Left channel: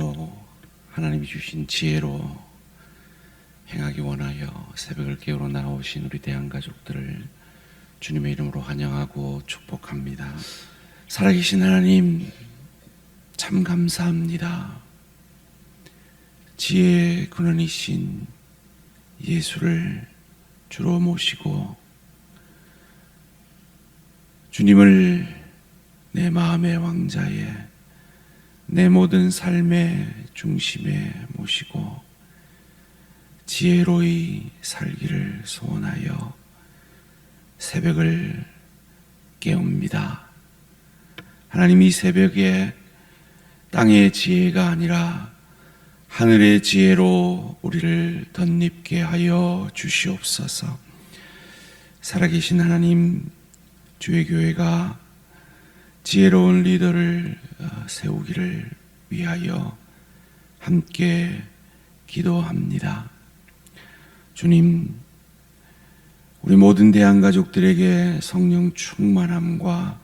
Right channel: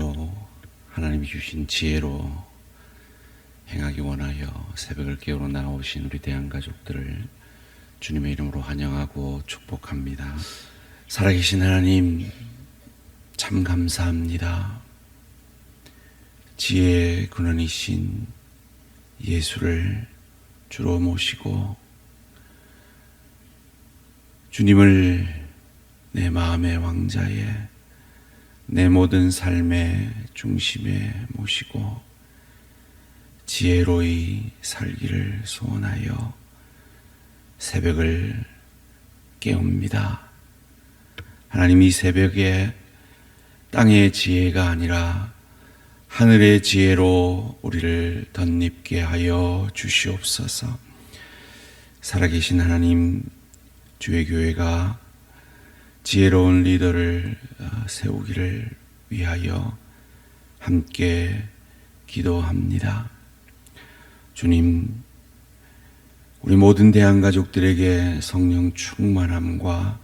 오늘도 하나님이 주신 지혜로 행하기 원하여 새벽을 깨우러 나오신 우리 대한가족들을 주님의 이름으로 환영하고 축복합니다. 살아계신 하나님 참 감사합니다. 지혜의 근원이신 예수를 주로 모시고 주님을 내 마음의 왕자에 내 모든 삶의 중심에 모시고 지혜로이 살기를 소원하여 새벽을 깨웁니다. 하나님, 이 새벽에 땅의 지혜가 아니라 하늘의 지혜로 우리를 덧입게 하여 주시옵소서. 살아계신 하나님, 주의 교회가 지혜로운 리더를 세우기를 위하여 함께 기도합니다. 주님, 우리 모든 대한가족들에게 성령 충만함과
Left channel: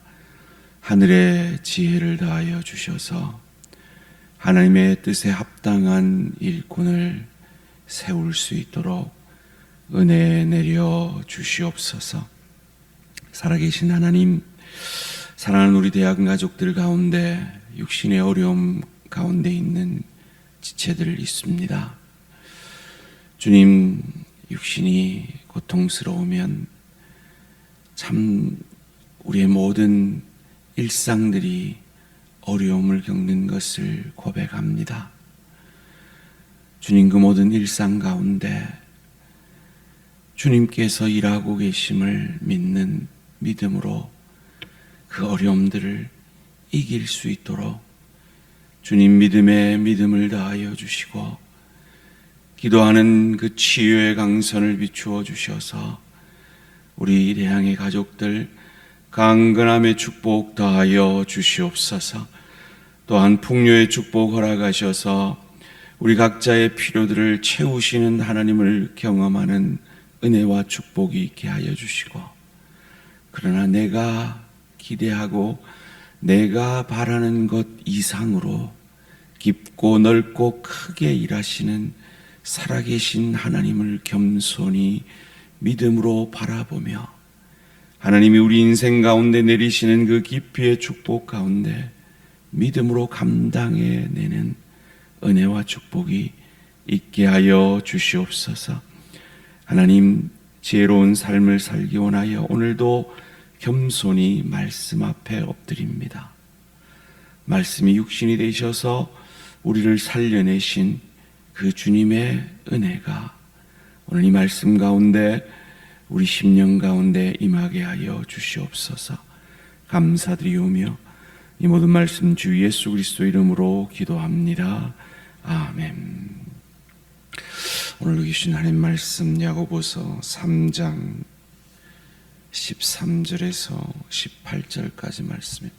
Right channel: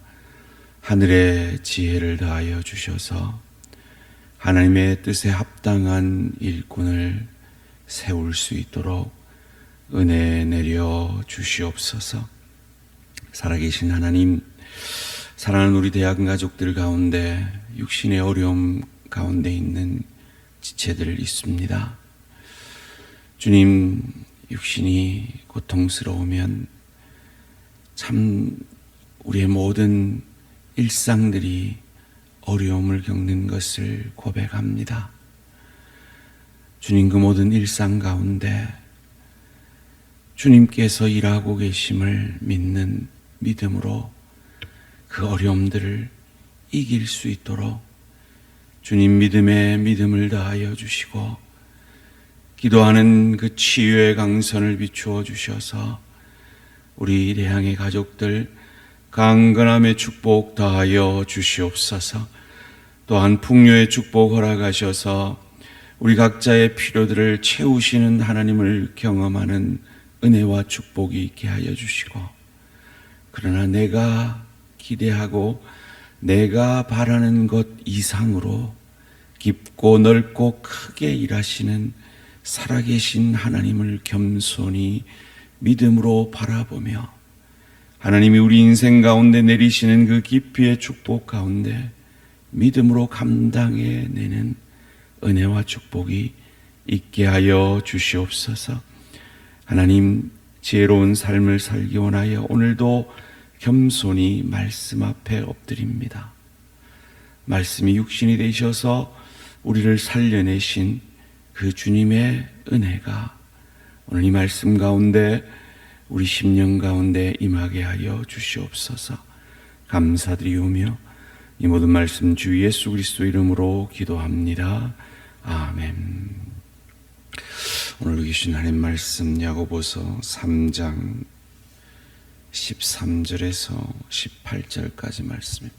하늘의 지혜를 다하여 주셔서 하나님의 뜻에 합당한 일꾼을 세울 수 있도록 은혜 내려 주시옵소서. 살아계신 하나님, 사랑하는 우리 대한가족들 가운데 육신의 어려움 가운데 있는 지체들 있습니다. 주님, 육신이 고통스러우면 참 우리의 모든 일상들이 어려움을 겪는 것을 고백합니다. 주님, 그 모든 일상 가운데 주님께서 일하고 계심을 믿는 믿음으로 그 어려움들을 이길 수 있도록 주님 믿음에 믿음을 다하여 주시고 기도하는 그 치유의 강선을 비추어 주셔서 우리 대항의 가족들 강건함의 축복 다하여 주시옵소서. 또한 풍요의 축복 허락하셔서 우리 각자의 필요들을 채우시는 하나님을 경험하는 은혜와 축복이 있게 하여 주시고, 그러나 내가 기대하고 내가 바라는 것 이상으로 깊고 넓고 크게 일하시는 살아계신 하나님을 겸손히 믿음으로 바라보며 하나님이 우리 인생 가운데 내리시는 그 깊이의 축복 가운데 믿음으로 감당해내는 은혜와 축복이 있게 하여 주시옵소서. 하나님, 지혜로운 삶을 살기 원하여 오늘도 겸손히 말씀 앞에 엎드립니다. 말씀이 육신이 되셔서 우리를 살려내신 그 주님의 은혜가 오늘 이 말씀 가운데 우리 심령 가운데 임하게 하여 주시옵소서. 감사드리오며 이 모든 말씀 주 예수 그리스도 이름으로 기도합니다. 아멘. 오늘 주신 하나님 말씀 야고보서 3장 13절에서 18절까지 말씀입니다.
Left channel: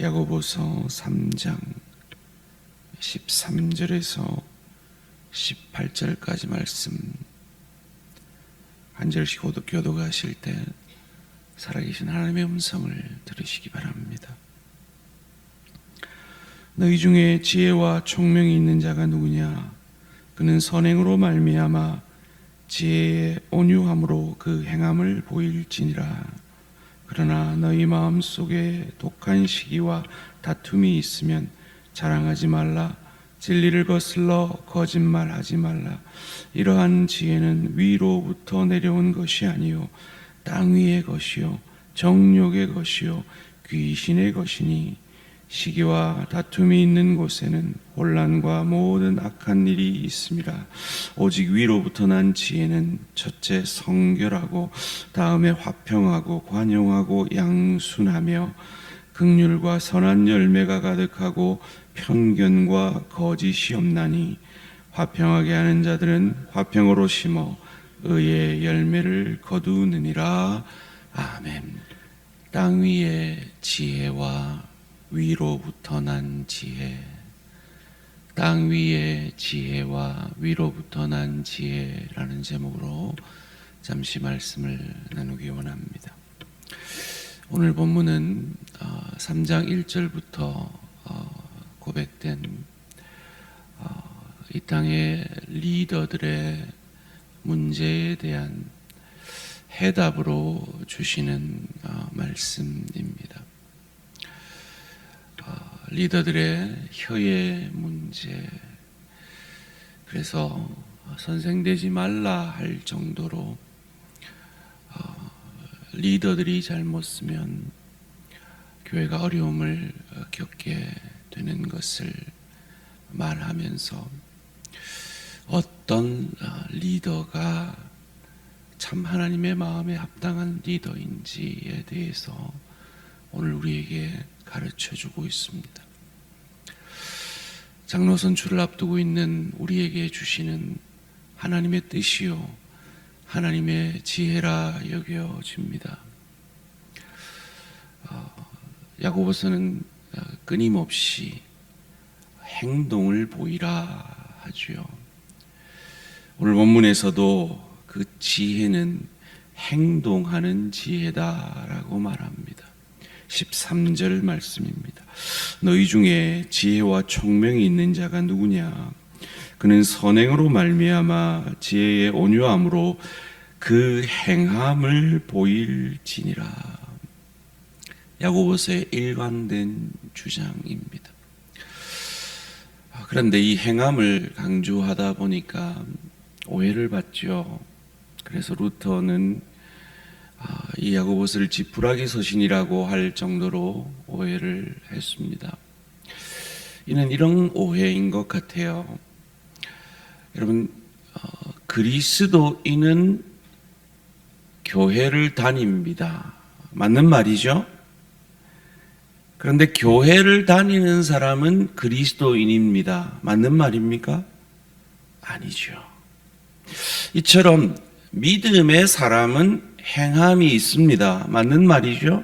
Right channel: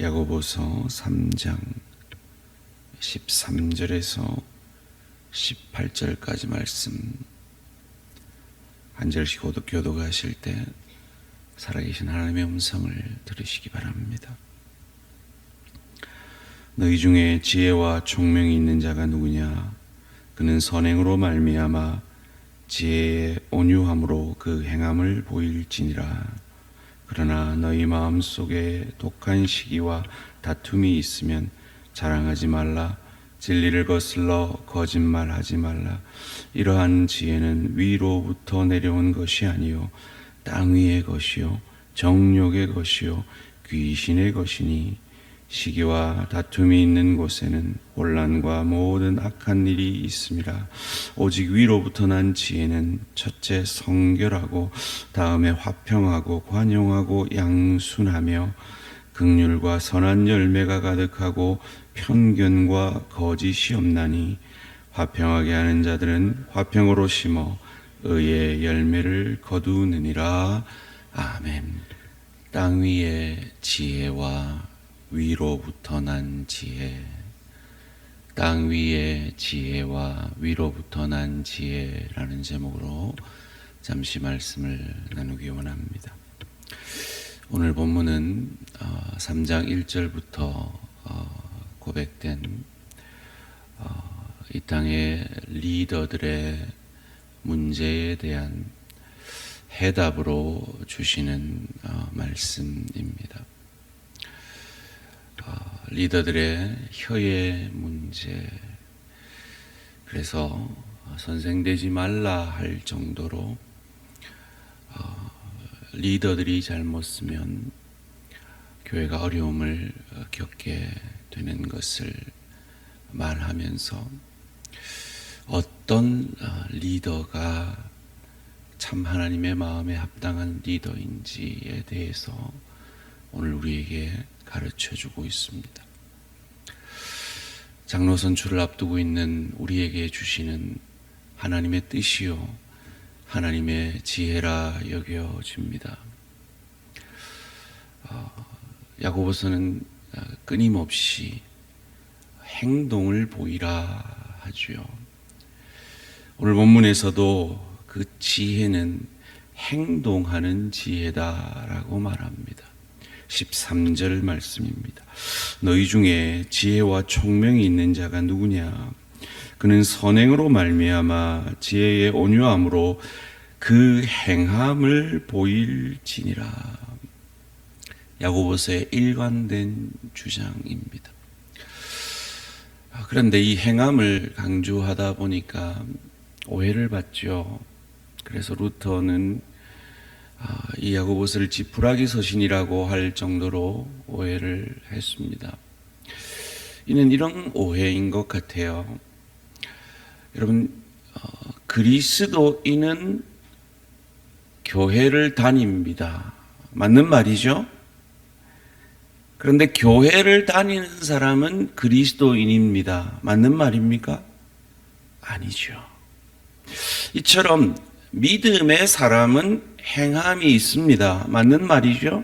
야고보서 3장 13절에서 18절까지 말씀 한 절씩 교독하실 때 살아계신 하나님의 음성을 들으시기 바랍니다. 너희 중에 지혜와 총명이 있는 자가 누구냐? 그는 선행으로 말미암아 지혜의 온유함으로 그 행함을 보일지니라. 그러나 너희 마음속에 독한 시기와 다툼이 있으면 자랑하지 말라. 진리를 거슬러 거짓말하지 말라. 이러한 지혜는 위로부터 내려온 것이 아니요 땅 위의 것이요 정욕의 것이요 귀신의 것이니 시기와 다툼이 있는 곳에는 혼란과 모든 악한 일이 있음이라. 오직 위로부터 난 지혜는 첫째 성결하고 다음에 화평하고 관용하고 양순하며 긍휼과 선한 열매가 가득하고 편견과 거짓이 없나니 화평하게 하는 자들은 화평으로 심어 의의 열매를 거두느니라. 아멘. 땅 위의 지혜와 위로부터 난 지혜, 땅 위의 지혜와 위로부터 난 지혜라는 제목으로 잠시 말씀을 나누기 원합니다. 오늘 본문은 3장 1절부터 고백된 이 땅의 리더들의 문제에 대한 해답으로 주시는 말씀입니다. 리더들의 혀의 문제, 그래서 선생되지 말라 할 정도로 리더들이 잘못 쓰면 교회가 어려움을 겪게 되는 것을 말하면서 어떤 리더가 참 하나님의 마음에 합당한 리더인지에 대해서 오늘 우리에게 가르쳐 주고 있습니다. 장로 선출을 앞두고 있는 우리에게 주시는 하나님의 뜻이요 하나님의 지혜라 여겨집니다. 야고보서는 끊임없이 행동을 보이라 하지요. 오늘 본문에서도 그 지혜는 행동하는 지혜다라고 말합니다. 13절 말씀입니다. 너희 중에 지혜와 총명이 있는 자가 누구냐? 그는 선행으로 말미암아 지혜의 온유함으로 그 행함을 보일지니라. 야고보서의 일관된 주장입니다. 그런데 이 행함을 강조하다 보니까 오해를 받죠. 그래서 루터는 이 야고보서를 지푸라기 서신이라고 할 정도로 오해를 했습니다. 이는 이런 오해인 것 같아요. 여러분, 그리스도인은 교회를 다닙니다. 맞는 말이죠? 그런데 교회를 다니는 사람은 그리스도인입니다. 맞는 말입니까? 아니죠. 이처럼 믿음의 사람은 행함이 있습니다. 맞는 말이죠?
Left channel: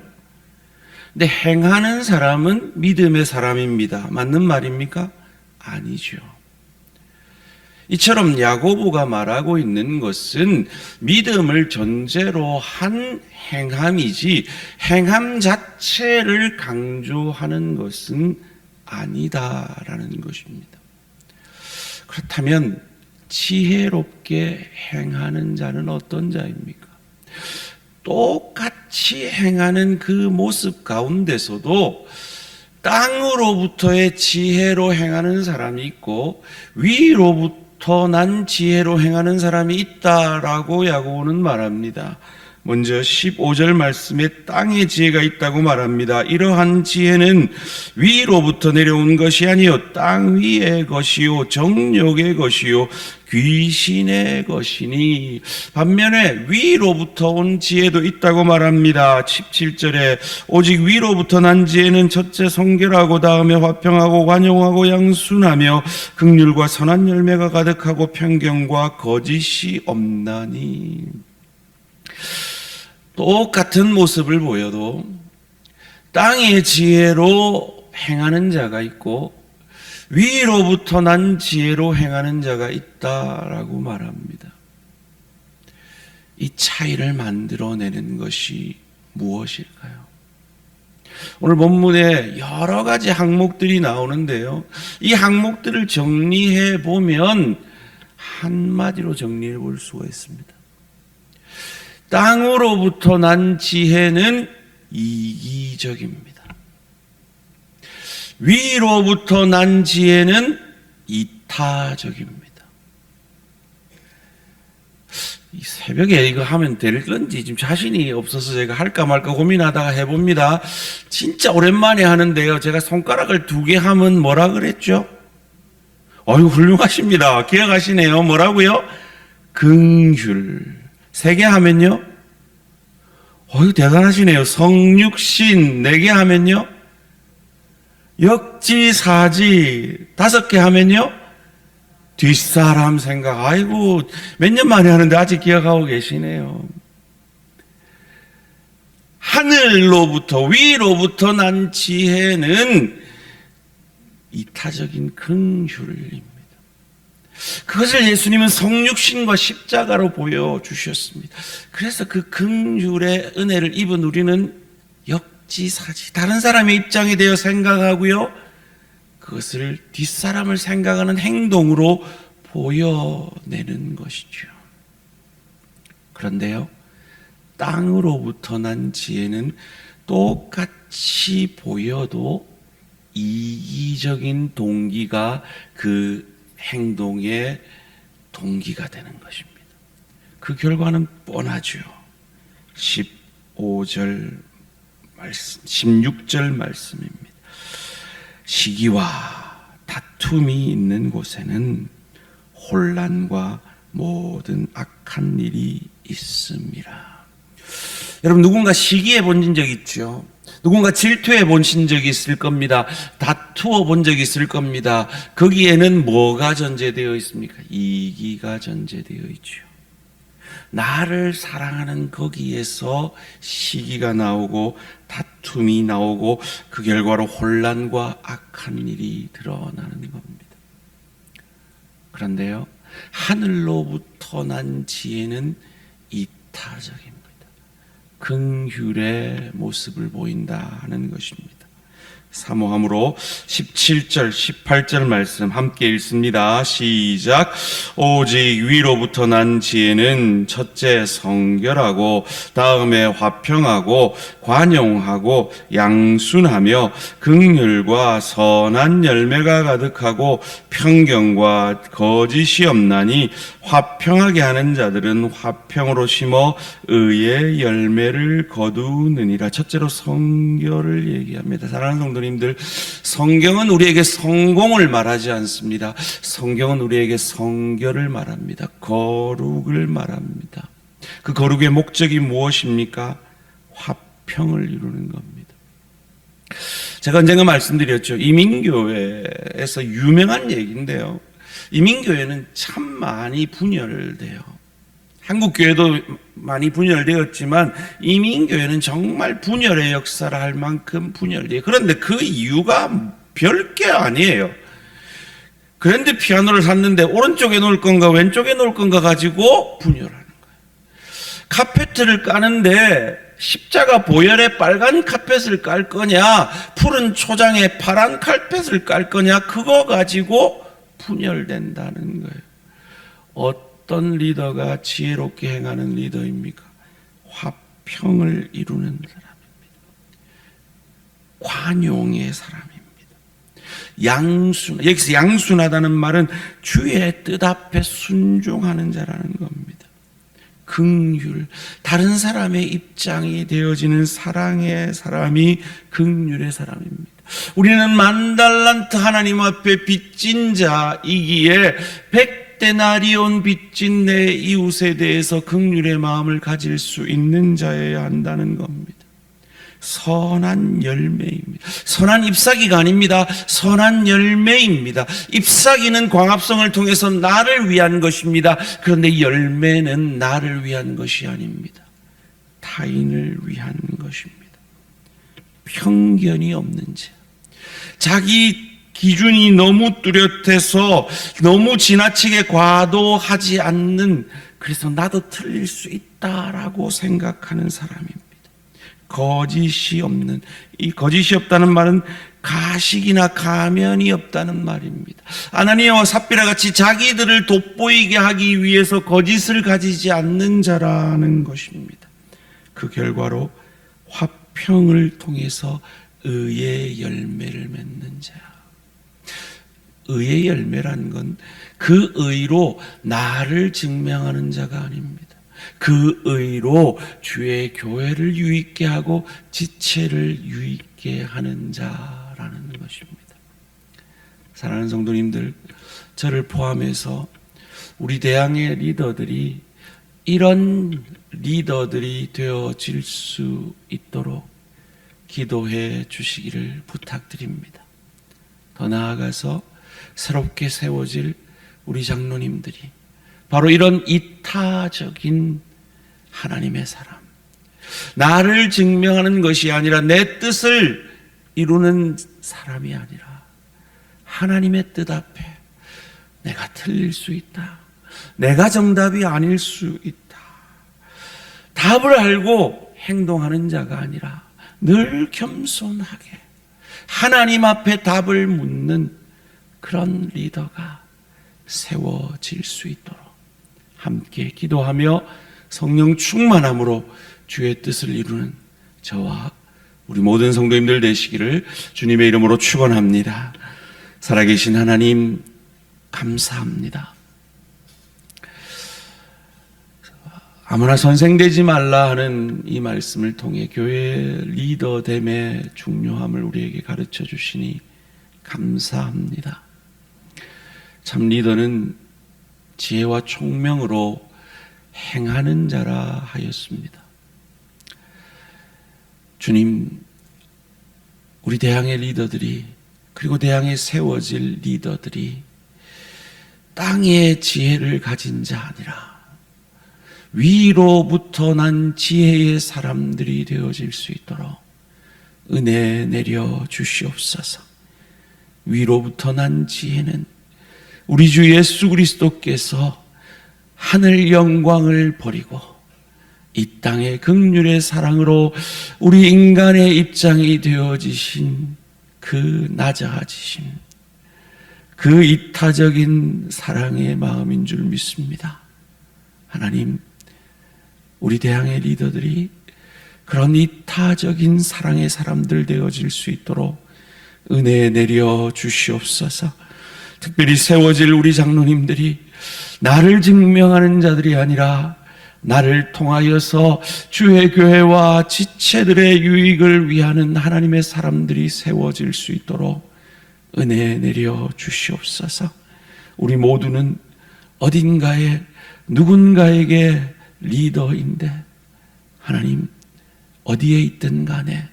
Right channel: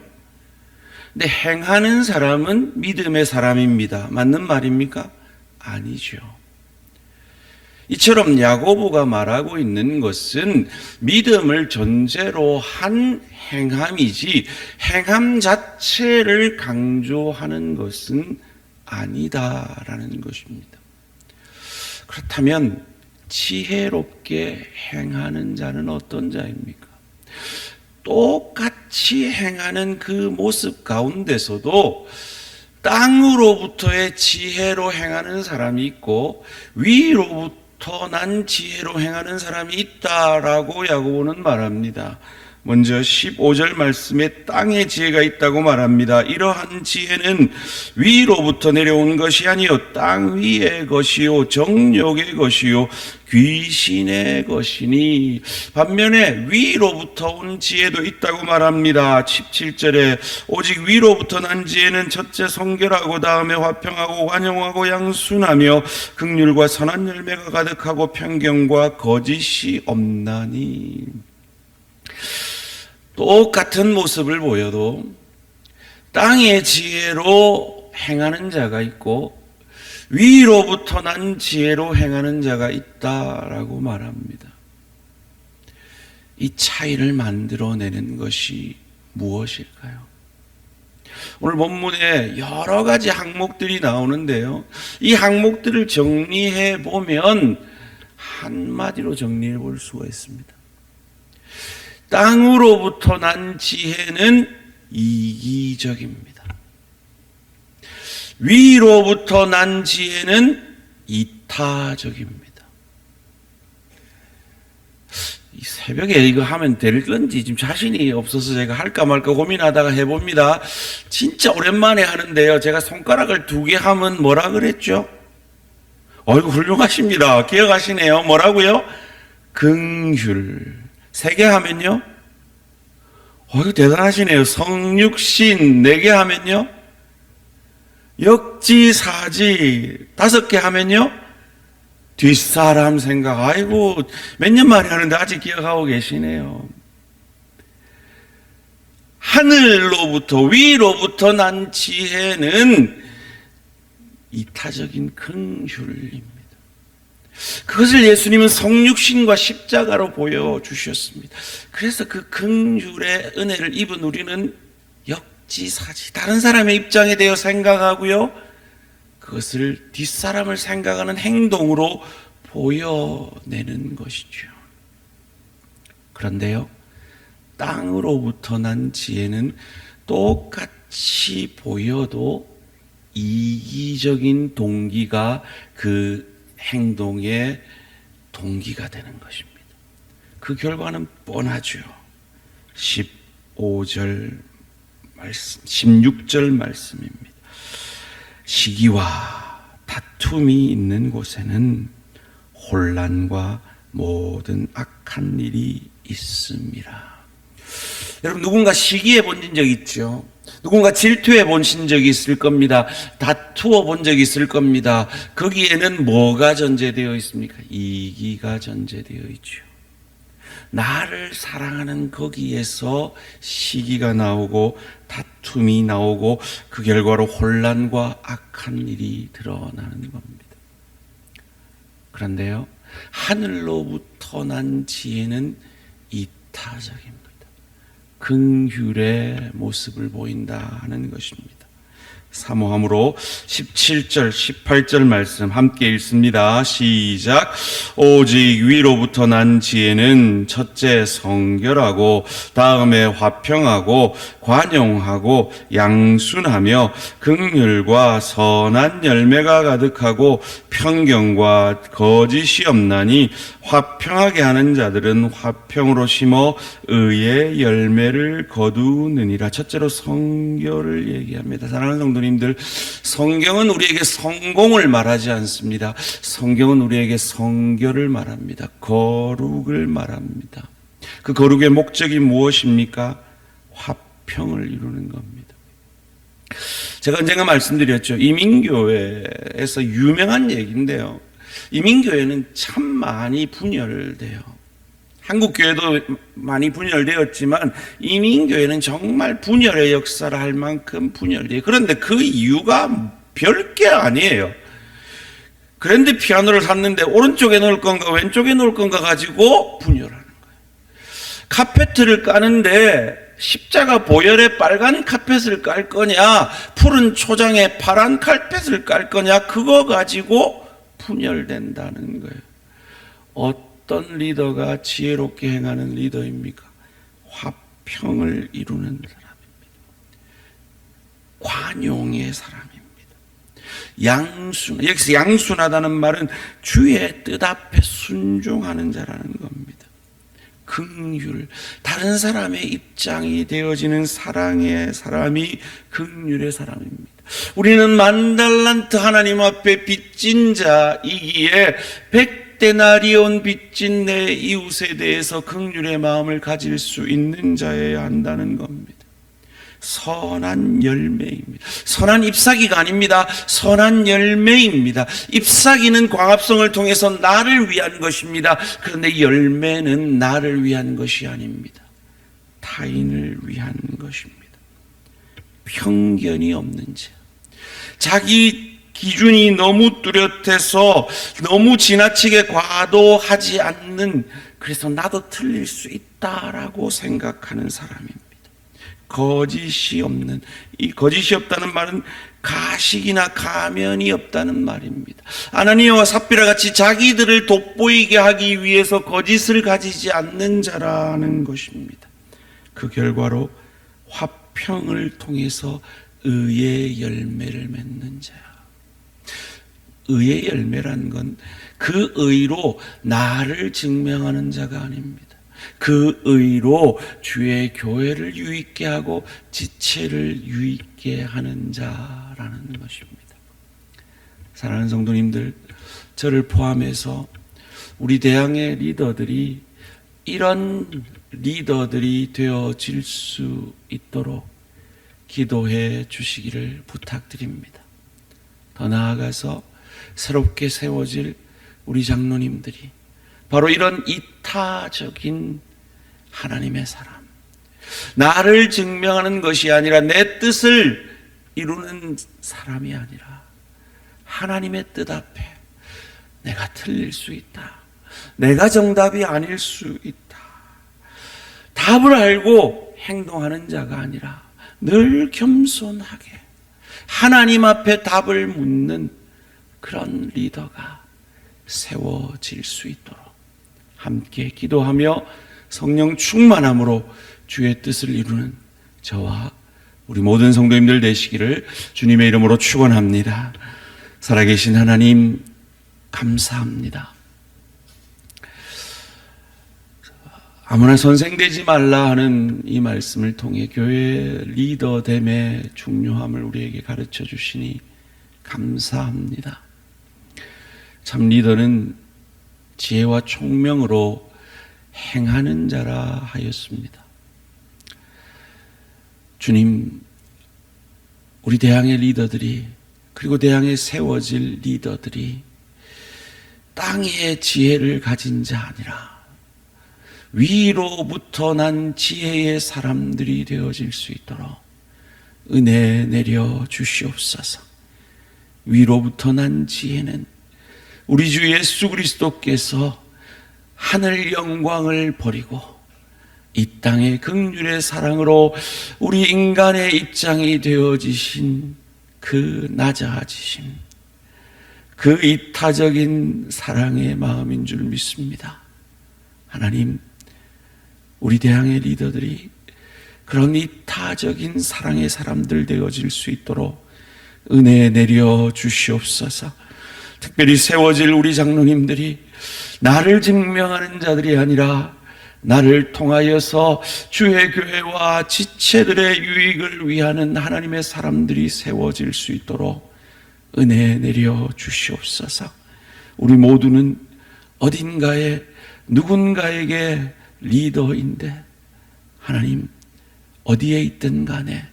근데 행하는 사람은 믿음의 사람입니다. 맞는 말입니까? 아니죠. 이처럼 야고보가 말하고 있는 것은 믿음을 전제로 한 행함이지 행함 자체를 강조하는 것은 아니다라는 것입니다. 그렇다면 지혜롭게 행하는 자는 어떤 자입니까? 똑같이 행하는 그 모습 가운데서도 땅으로부터의 지혜로 행하는 사람이 있고 위로부터 난 지혜로 행하는 사람이 있다라고 야고보는 말합니다. 먼저 15절 말씀에 땅의 지혜가 있다고 말합니다. 이러한 지혜는 위로부터 내려온 것이 아니요 땅 위의 것이요 정욕의 것이요 귀신의 것이니. 반면에 위로부터 온 지혜도 있다고 말합니다. 17절에 오직 위로부터 난 지혜는 첫째 성결하고 다음에 화평하고 관용하고 양순하며 긍휼과 선한 열매가 가득하고 편견과 거짓이 없나니. 똑같은 모습을 보여도 땅의 지혜로 행하는 자가 있고 위로부터 난 지혜로 행하는 자가 있다라고 말합니다. 이 차이를 만들어내는 것이 무엇일까요? 오늘 본문에 여러 가지 항목들이 나오는데요. 이 항목들을 정리해 보면 한마디로 정리해 볼 수가 있습니다. 땅으로부터 난 지혜는 이기적입니다. 위로부터 난 지혜는 이타적입니다. 이 새벽에 이거 하면 될 건지 지금 자신이 없어서 제가 할까 말까 고민하다가 해봅니다. 진짜 오랜만에 하는데요. 제가 손가락을 2개 하면 뭐라 그랬죠? 어이구, 훌륭하십니다. 기억하시네요. 뭐라고요? 긍휼. 3개 하면요? 어이구, 대단하시네요. 성육신. 4개 하면요? 역지사지. 5개 하면요? 뒷사람 생각. 아이고, 몇 년 만에 하는데 아직 기억하고 계시네요. 하늘로부터 위로부터 난 지혜는 이타적인 긍휼입니다. 그것을 예수님은 성육신과 십자가로 보여주셨습니다. 그래서 그 긍휼의 은혜를 입은 우리는 역지사지, 다른 사람의 입장에 대해 생각하고요, 그것을 뒷사람을 생각하는 행동으로 보여내는 것이죠. 그런데요, 땅으로부터 난 지혜는 똑같이 보여도 이기적인 동기가 그 행동의 동기가 되는 것입니다. 그 결과는 뻔하죠. 15절 말씀, 16절 말씀입니다. 시기와 다툼이 있는 곳에는 혼란과 모든 악한 일이 있습니다. 여러분, 누군가 시기해 본 적 있죠? 누군가 질투해 보신 적이 있을 겁니다. 다투어 본 적이 있을 겁니다. 거기에는 뭐가 전제되어 있습니까? 이기가 전제되어 있죠. 나를 사랑하는 거기에서 시기가 나오고 다툼이 나오고 그 결과로 혼란과 악한 일이 드러나는 겁니다. 그런데요, 하늘로부터 난 지혜는 이타적입니다. 긍휼의 모습을 보인다 하는 것입니다. 사모함으로 17절 18절 말씀 함께 읽습니다. 시작. 오직 위로부터 난 지혜는 첫째 성결하고 다음에 화평하고 관용하고 양순하며 긍휼과 선한 열매가 가득하고 편견과 거짓이 없나니 화평하게 하는 자들은 화평으로 심어 의의 열매를 거두느니라. 첫째로 성결을 얘기합니다. 사랑하는 성도님들, 성경은 우리에게 성공을 말하지 않습니다. 성경은 우리에게 성결을 말합니다. 거룩을 말합니다. 그 거룩의 목적이 무엇입니까? 화평을 이루는 겁니다. 제가 언젠가 말씀드렸죠. 이민교회에서 유명한 얘기인데요, 이민교회는 참 많이 분열돼요. 한국교회도 많이 분열되었지만 이민교회는 정말 분열의 역사를 할 만큼 분열돼요. 그런데 그 이유가 별게 아니에요. 그랜드 피아노를 샀는데 오른쪽에 놓을 건가 왼쪽에 놓을 건가 가지고 분열하는 거예요. 카페트를 까는데 십자가 보혈의 빨간 카펫을 깔 거냐, 푸른 초장에 파란 카펫을 깔 거냐, 그거 가지고 분열된다는 거예요. 어떤 리더가 지혜롭게 행하는 리더입니까? 화평을 이루는 사람입니다. 관용의 사람입니다. 양순, 여기서 양순하다는 말은 주의 뜻 앞에 순종하는 자라는 겁니다. 긍휼, 다른 사람의 입장이 되어지는 사랑의 사람이 긍휼의 사람입니다. 우리는 만달란트 하나님 앞에 빚진 자이기에 100데나리온 빚진 내 이웃에 대해서 긍휼의 마음을 가질 수 있는 자여야 한다는 겁니다. 선한 열매입니다. 선한 잎사귀가 아닙니다. 선한 열매입니다. 잎사귀는 광합성을 통해서 나를 위한 것입니다. 그런데 열매는 나를 위한 것이 아닙니다. 타인을 위한 것입니다. 편견이 없는 자, 자기 기준이 너무 뚜렷해서 너무 지나치게 과도하지 않는, 그래서 나도 틀릴 수 있다라고 생각하는 사람입니다. 거짓이 없는, 이 거짓이 없다는 말은 가식이나 가면이 없다는 말입니다. 아나니아와 삽비라 같이 자기들을 돋보이게 하기 위해서 거짓을 가지지 않는 자라는 것입니다. 그 결과로 화평을 통해서 의의 열매를 맺는 자. 의의 열매라는 건 그 의로 나를 증명하는 자가 아닙니다. 그 의로 주의 교회를 유익게 하고 지체를 유익게 하는 자라는 것입니다. 사랑하는 성도님들, 저를 포함해서 우리 대항의 리더들이 이런 리더들이 되어질 수 있도록 기도해 주시기를 부탁드립니다. 더 나아가서 새롭게 세워질 우리 장로님들이 바로 이런 이타적인 하나님의 사람, 나를 증명하는 것이 아니라 내 뜻을 이루는 사람이 아니라 하나님의 뜻 앞에 내가 틀릴 수 있다, 내가 정답이 아닐 수 있다, 답을 알고 행동하는 자가 아니라 늘 겸손하게 하나님 앞에 답을 묻는 그런 리더가 세워질 수 있도록 함께 기도하며 성령 충만함으로 주의 뜻을 이루는 저와 우리 모든 성도님들 되시기를 주님의 이름으로 축원합니다. 살아계신 하나님 감사합니다. 아무나 선생되지 말라 하는 이 말씀을 통해 교회 리더됨의 중요함을 우리에게 가르쳐 주시니 감사합니다. 참 리더는 지혜와 총명으로 행하는 자라 하였습니다. 주님, 우리 대항의 리더들이 그리고 대항에 세워질 리더들이 땅의 지혜를 가진 자 아니라 위로부터 난 지혜의 사람들이 되어질 수 있도록 은혜 내려 주시옵소서. 위로부터 난 지혜는 우리 주 예수 그리스도께서 하늘 영광을 버리고 이 땅의 긍휼의 사랑으로 우리 인간의 입장이 되어지신 그 낮아지심, 그 이타적인 사랑의 마음인 줄 믿습니다. 하나님, 우리 대항의 리더들이 그런 이타적인 사랑의 사람들 되어질 수 있도록 은혜 내려 주시옵소서. 특별히 세워질 우리 장로님들이 나를 증명하는 자들이 아니라 나를 통하여서 주의 교회와 지체들의 유익을 위하는 하나님의 사람들이 세워질 수 있도록 은혜 내려 주시옵소서. 우리 모두는 어딘가에 누군가에게 리더인데 하나님 어디에 있든 간에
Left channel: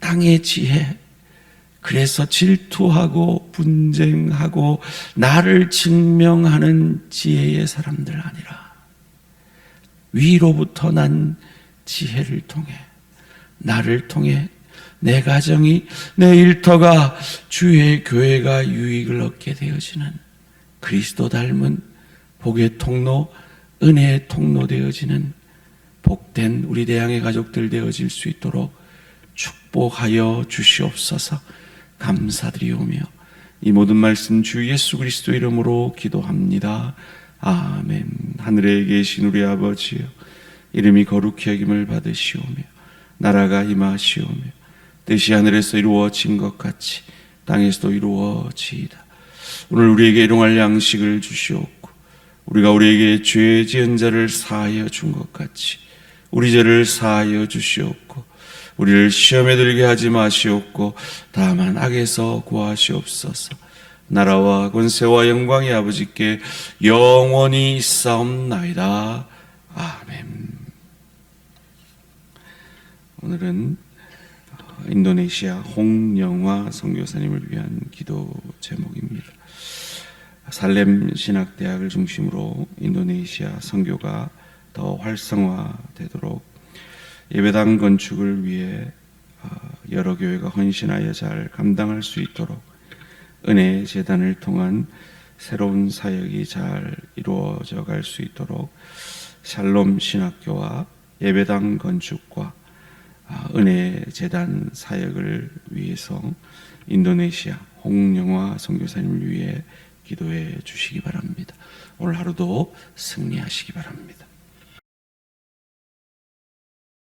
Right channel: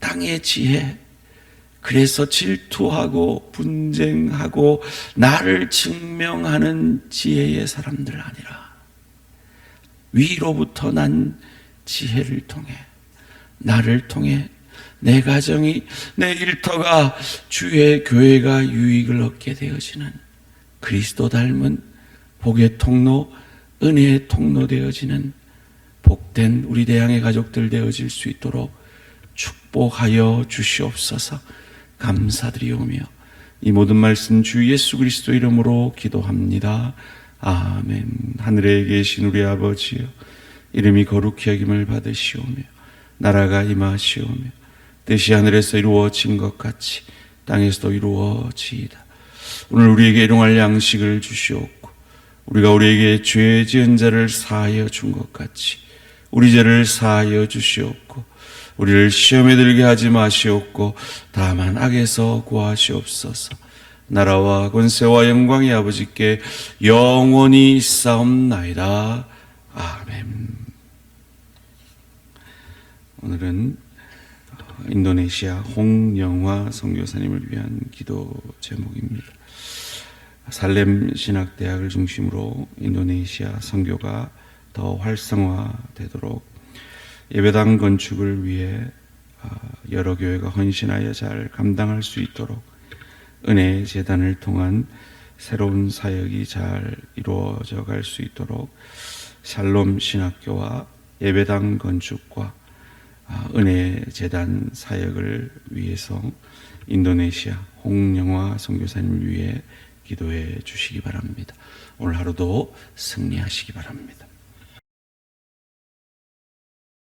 땅의 지혜, 그래서 질투하고 분쟁하고 나를 증명하는 지혜의 사람들 아니라 위로부터 난 지혜를 통해 나를 통해 내 가정이 내 일터가 주의 교회가 유익을 얻게 되어지는 그리스도 닮은 복의 통로, 은혜의 통로 되어지는 복된 우리 대항의 가족들 되어질 수 있도록 축복하여 주시옵소서. 감사드리오며 이 모든 말씀 주 예수 그리스도 이름으로 기도합니다. 아멘. 하늘에 계신 우리 아버지여, 이름이 거룩히 여김을 받으시오며 나라가 임하시오며 뜻이 하늘에서 이루어진 것 같이 땅에서도 이루어지이다. 오늘 우리에게 일용할 양식을 주시옵고 우리가 우리에게 죄 지은 자를 사하여 준 것 같이 우리 죄를 사하여 주시옵고 우리를 시험에 들게 하지 마시옵고 다만 악에서 구하시옵소서. 나라와 권세와 영광이 아버지께 영원히 있사옵나이다. 아멘. 오늘은 인도네시아 홍영화 선교사님을 위한 기도 제목입니다. 살렘 신학대학을 중심으로 인도네시아 선교가 더 활성화되도록 예배당 건축을 위해 여러 교회가 헌신하여 잘 감당할 수 있도록 은혜 재단을 통한 새로운 사역이 잘 이루어져 갈 수 있도록 샬롬 신학교와 예배당 건축과 은혜 재단 사역을 위해서 인도네시아 홍영화 선교사님을 위해 기도해 주시기 바랍니다. 오늘 하루도 승리하시기 바랍니다.